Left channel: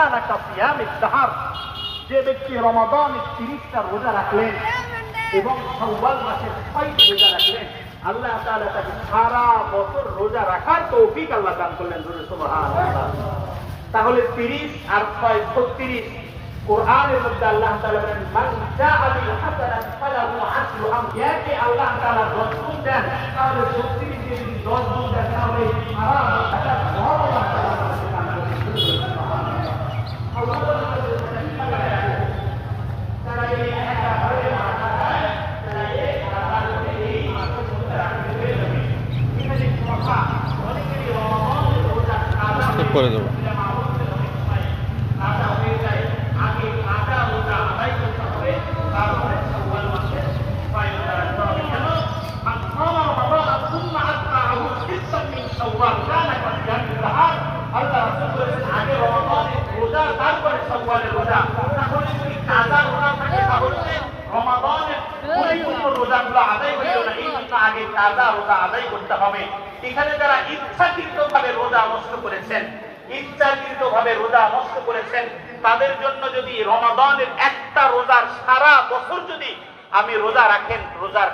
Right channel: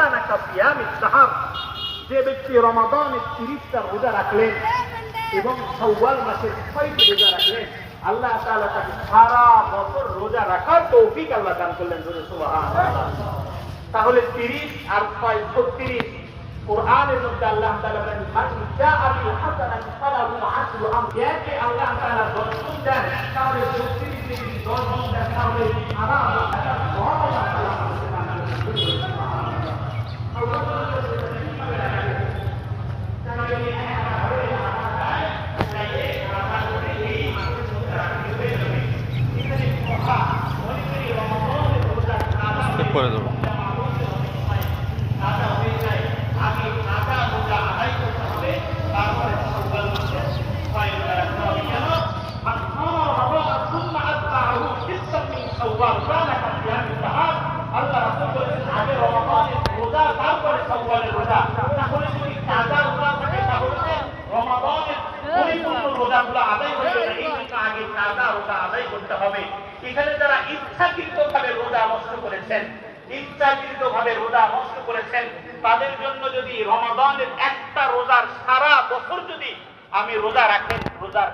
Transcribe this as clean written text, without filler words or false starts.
কানাকা সিয়ামিদ দাহর, যে ব্যক্তি রমাদানের 30টা রোজা রাখলেন এবং শাওয়াল মাসের 6টা রোজা রাখলেন, আল্লাহ তাআলা তাকে সারা বছর রোজা রাখার তৌফিক আল্লাহ দান করলেন। সুবহানাল্লাহ। তাহলে 30 আর 6 36 কোরআনের মধ্যে আল্লাহ তাআলা বলেন মান জাআ বিল হাসানাতি ফালাহু আশরু আমসালিহা। আল্লাহ তাআলা যতটুকু দেন তাহলে 36 দিয়ে 10 গুণ দেন, তাহলে সারা বছর আল্লাহ তাআলা করে দেবো। এখানে যারা ইচ্ছাকৃতভাবে রোজা নষ্ট করেছেন, ইচ্ছাকৃতভাবে রোজা নষ্ট করেছেন, তাদের জন্য যদি রমাদানের একটা রোজার সারা বছর যদি আমি রোজা রাখেন, রোজার